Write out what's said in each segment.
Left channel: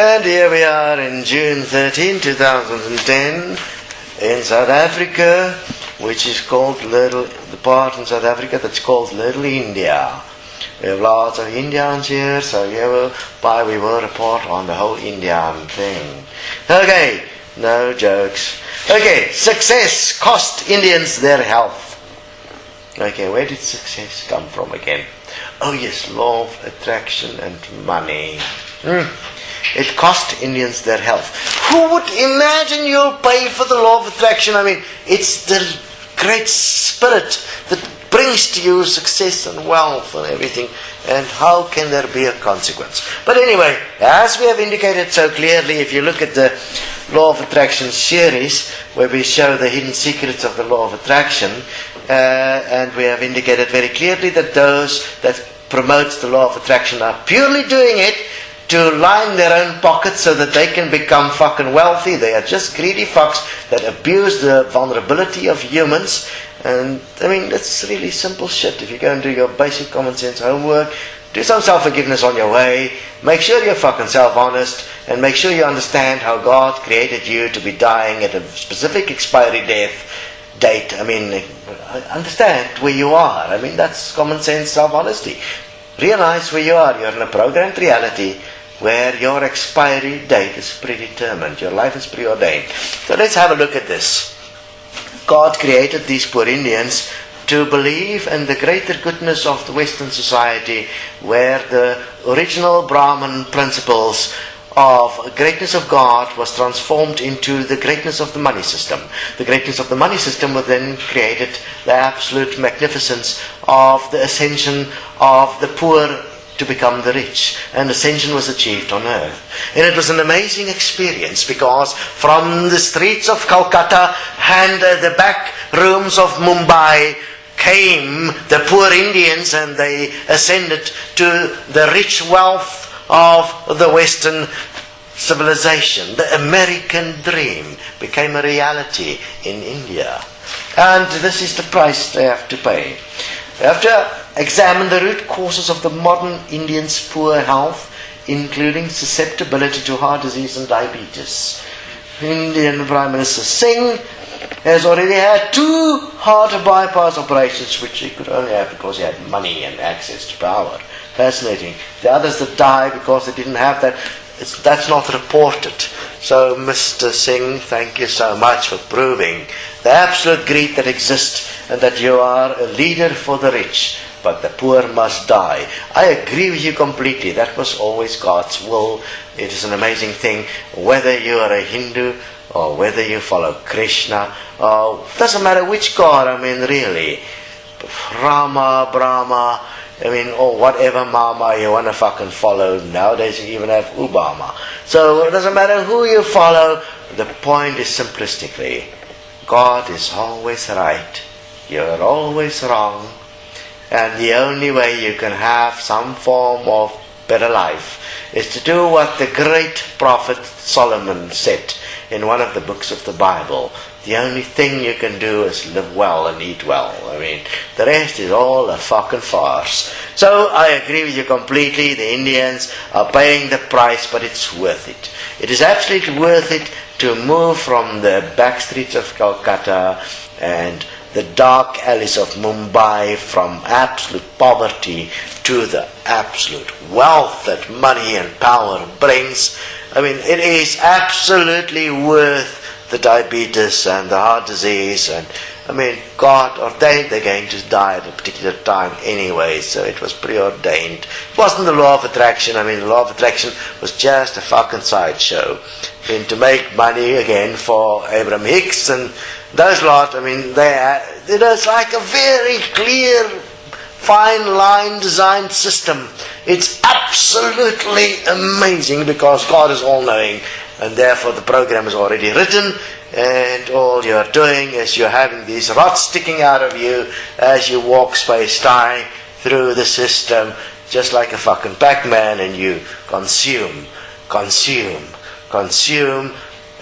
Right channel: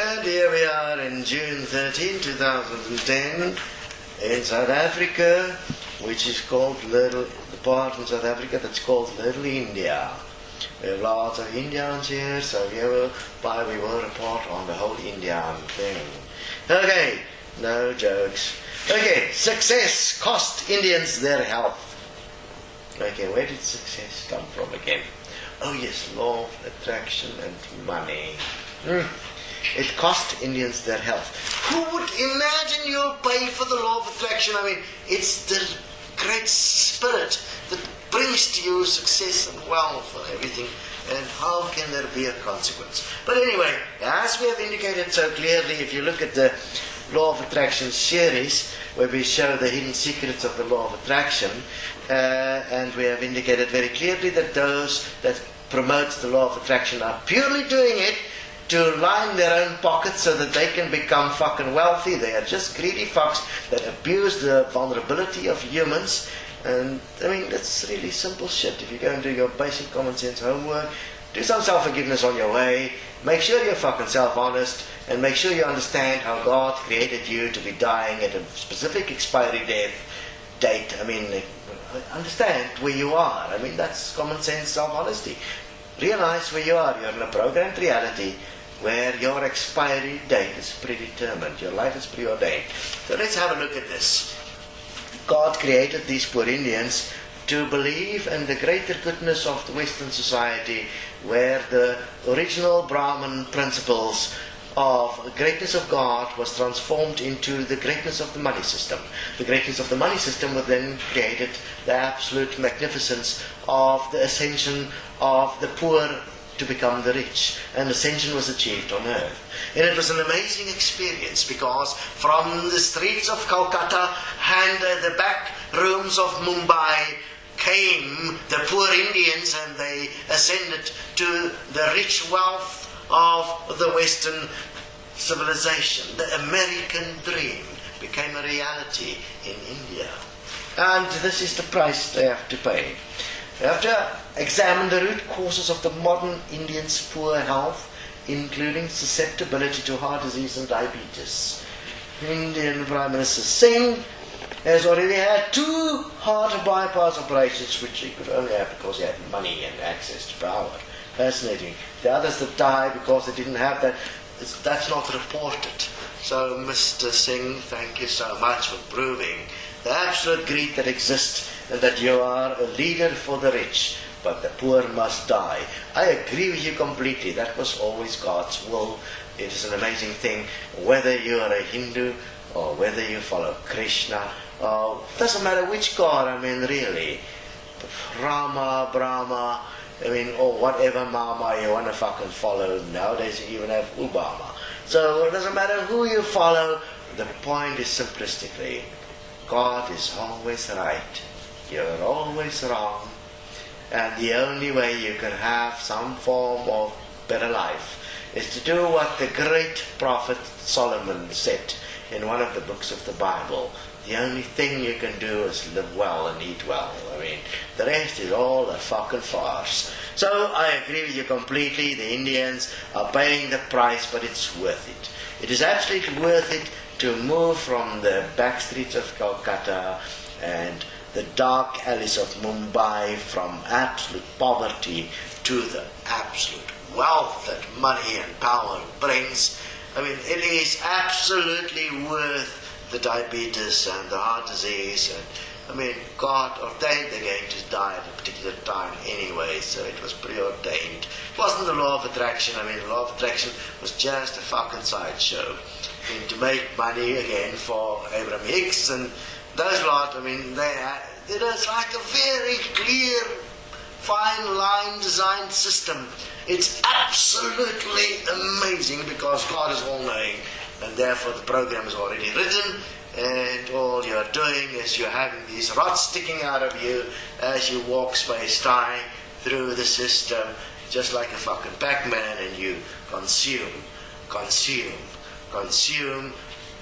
And here we are in June 13, 2010 in South Africa, which is called the part in South Africa that's called Little India. We have lots of Indians here, so hereby we will report on the whole Indian thing. Okay, no jokes. Okay, success cost Indians their health. Okay, where did success come from again? Oh yes, law of attraction and money. It cost Indians their health. Who would imagine you'll pay for the law of attraction? I mean, it's the great spirit that brings to you success and wealth and everything. And how can there be a consequence? But anyway, as we have indicated so clearly, if you look at the Law of Attraction series, where we show the hidden secrets of the Law of Attraction, and we have indicated very clearly that those that promote the Law of Attraction are purely doing it to line their own pockets so that they can become fucking wealthy. They are just greedy fucks that abuse the vulnerability of humans. And I mean, that's really simple shit. If you go and do your basic common sense homework, do some self-forgiveness on your way, make sure you're fucking self-honest, and make sure you understand how God created you to be dying at a specific expiry date. I mean, understand where you are. I mean, that's common sense self-honesty. Realize where you are. You're in a programmed reality where your expiry date is predetermined. Your life is preordained. So let's have a look at this. God created these poor Indians to believe in the greater goodness of the Western society, where the original Brahman principles of greatness of God was transformed into the greatness of the money system. The greatness of the money system was then created the absolute magnificence of the ascension of the poor to become the rich, and ascension was achieved on earth. And it was an amazing experience, because from the streets of Calcutta and the back rooms of Mumbai came the poor Indians, and they ascended to the rich wealth of the Western civilization. The American dream became a reality in India. And this is the price they have to pay. They have to examine the root causes of the modern Indian's poor health, including susceptibility to heart disease and diabetes. Indian Prime Minister Singh has already had 2 heart bypass operations, which he could only have because he had money and access to power. Fascinating. The others that died because they didn't have that, that's not reported. So Mr. Singh, thank you so much for proving the absolute greed that exists, and that you are a leader for the rich, but the poor must die. I agree with you completely. That was always God's will. It is an amazing thing, whether you are a Hindu or whether you follow Krishna, doesn't matter which God, I mean, really. Rama, Brahma, I mean, or whatever mama you want to fucking follow. Nowadays you even have Obama. So it doesn't matter who you follow. The point is simplistically, God is always right. You're always wrong. And the only way you can have some form of better life is to do what the great prophet Solomon said in one of the books of the Bible. The only thing you can do is live well and eat well. I mean, the rest is all a fucking farce. So I agree with you completely. The Indians are paying the price, but it's worth it. It is absolutely worth it to move from the back streets of Calcutta and the dark alleys of Mumbai, from absolute poverty to the absolute wealth that money and power brings. I mean, it is absolutely worth the diabetes and the heart disease, and I mean, God ordained they're going to die at a particular time anyway, so it was preordained. It wasn't the law of attraction. I mean, the law of attraction was just a fucking sideshow. I mean, to make money again for Abraham Hicks and those lot, I mean, it was like a very clear, fine line designed system. It's absolutely amazing, because God is all-knowing, and therefore the program is already written, and all you're doing is you're having these rods sticking out of you as you walk space-time through the system, just like a fucking Pac-Man, and you consume,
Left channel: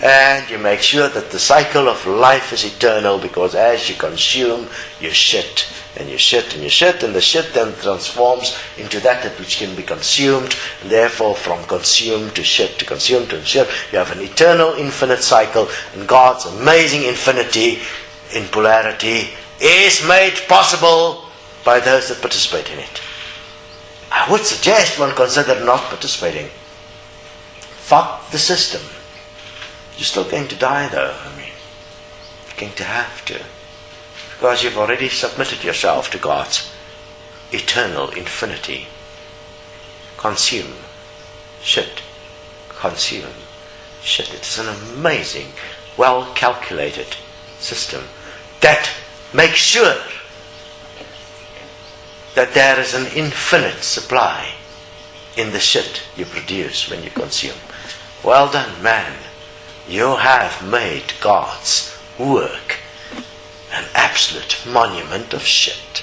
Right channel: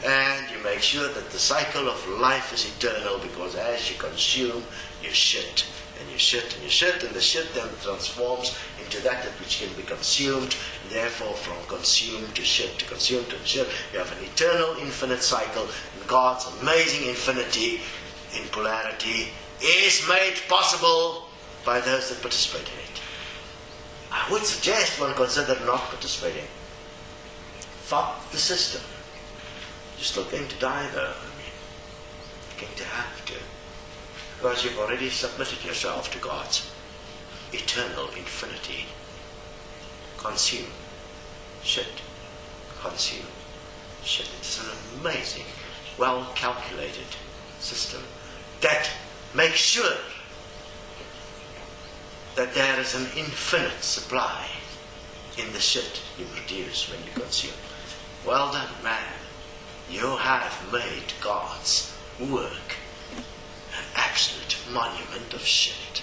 and you make sure that the cycle of life is eternal, because as you consume, you shit, And you shit, and the shit then transforms into that which can be consumed, and therefore from consumed to shit, to consumed to shit, you have an eternal infinite cycle, and God's amazing infinity in polarity is made possible by those that participate in it. I would suggest one consider not participating. Fuck the system. You're still going to die though, you're going to have to. Because you've already submitted yourself to God's eternal infinity. Consume. Shit. Consume. Shit. It is an amazing, well-calculated system that makes sure that there is an infinite supply in the shit you produce when you consume. Well done, man. You have made God's work an absolute monument of shit.